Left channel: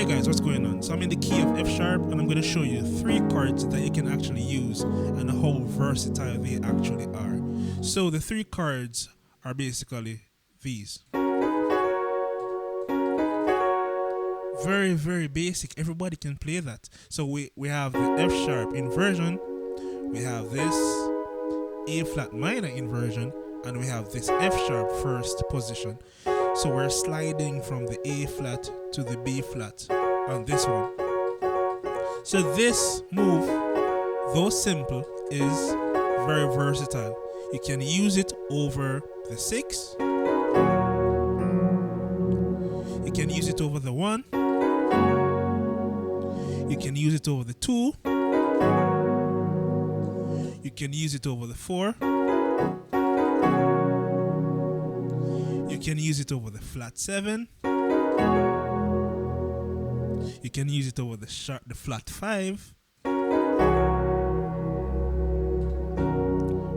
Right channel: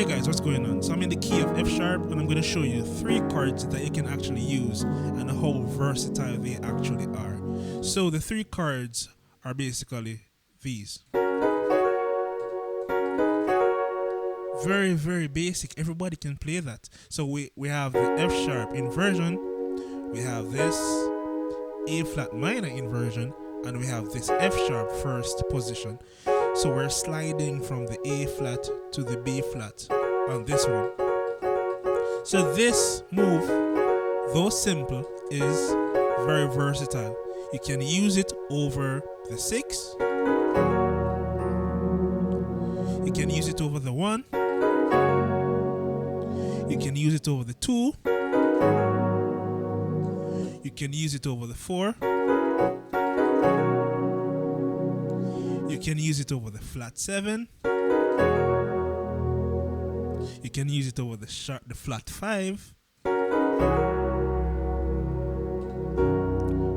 Hey guys, what's going on? So I'm in the key of F sharp and I'm going to show you 3 chords that you can actually use and how versatile they actually are. So the 3 chords are basically these. Very, very basic. Everybody can play that. So we have the F sharp inversion, we have this A flat minor inversion, and we have this F sharp first position. So we're sliding from the A flat to the B flat on this one. So this move, though simple, is very versatile. You can use it over the 6. You can use it over the 1. You can use it over the 2. You can use it over the 4. You can use it over the flat 7. You can use it over the flat 5.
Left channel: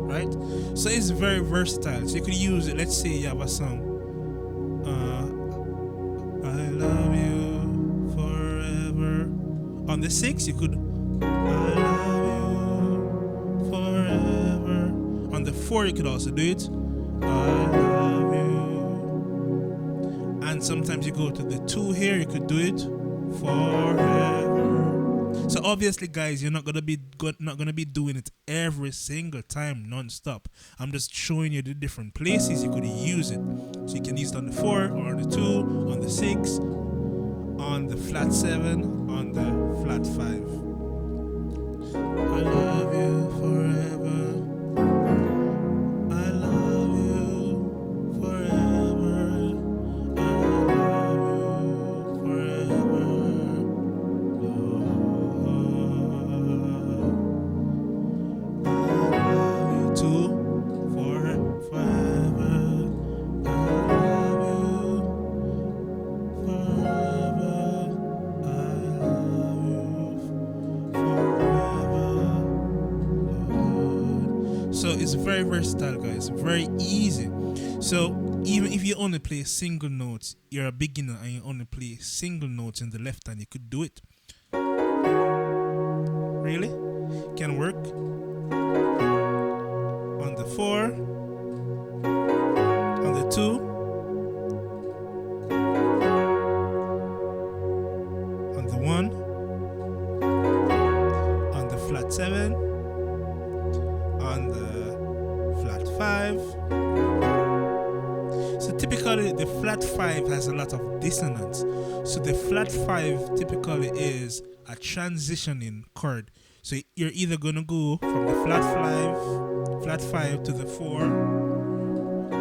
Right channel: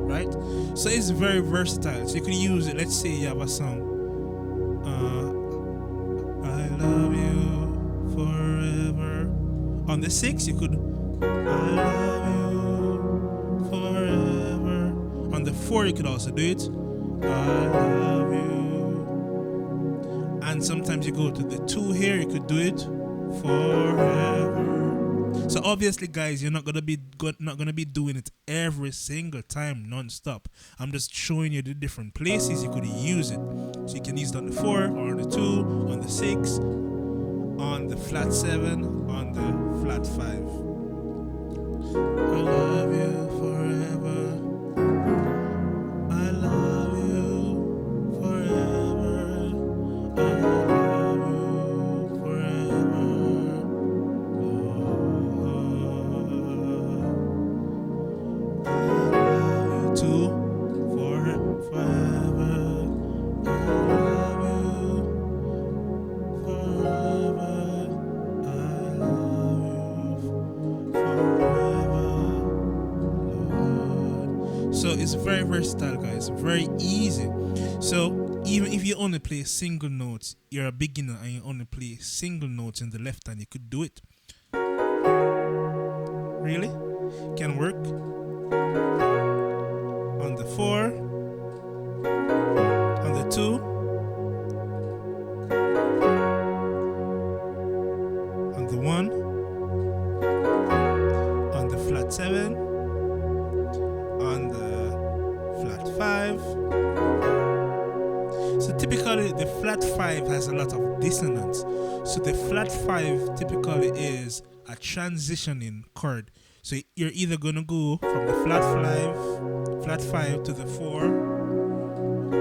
Right? So it's very versatile. So you could use it, let's say you have a song. I love you forever. On the 6, you could I love you forever. On the 4, you could also do it. I love you. And sometimes you go to the 2 here, you could do it forever. So obviously, guys, you're not gonna be doing it every single time non-stop. I'm just showing you the different places you could use it. So you can use it on the 4 or on the 2, on the 6, on the flat 7, on the flat 5. I love you forever. I love you forever. I love you forever. Lord. I love you too forever. I love you forever. I love you forever. Lord. So it's very versatile, guys. Very easy. So even if you only play single notes, you're a beginner and you only play single notes in the left hand, you could do it. Really? Can work. On the 4, on the 2, on the 1, on the flat 7, on the flat 5. So typically the flat 5 has a lot of dissonance. So the flat 5 typically is a transitioning chord. So you're either going to go from the flat 5 to the 4,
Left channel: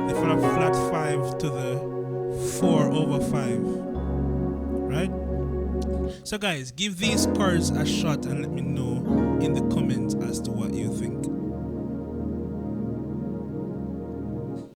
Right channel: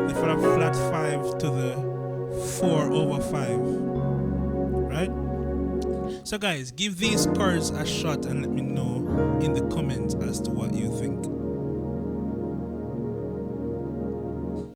the flat 5 to the 4 over 5, right? So guys, give these chords a shot and let me know in the comments as to what you think.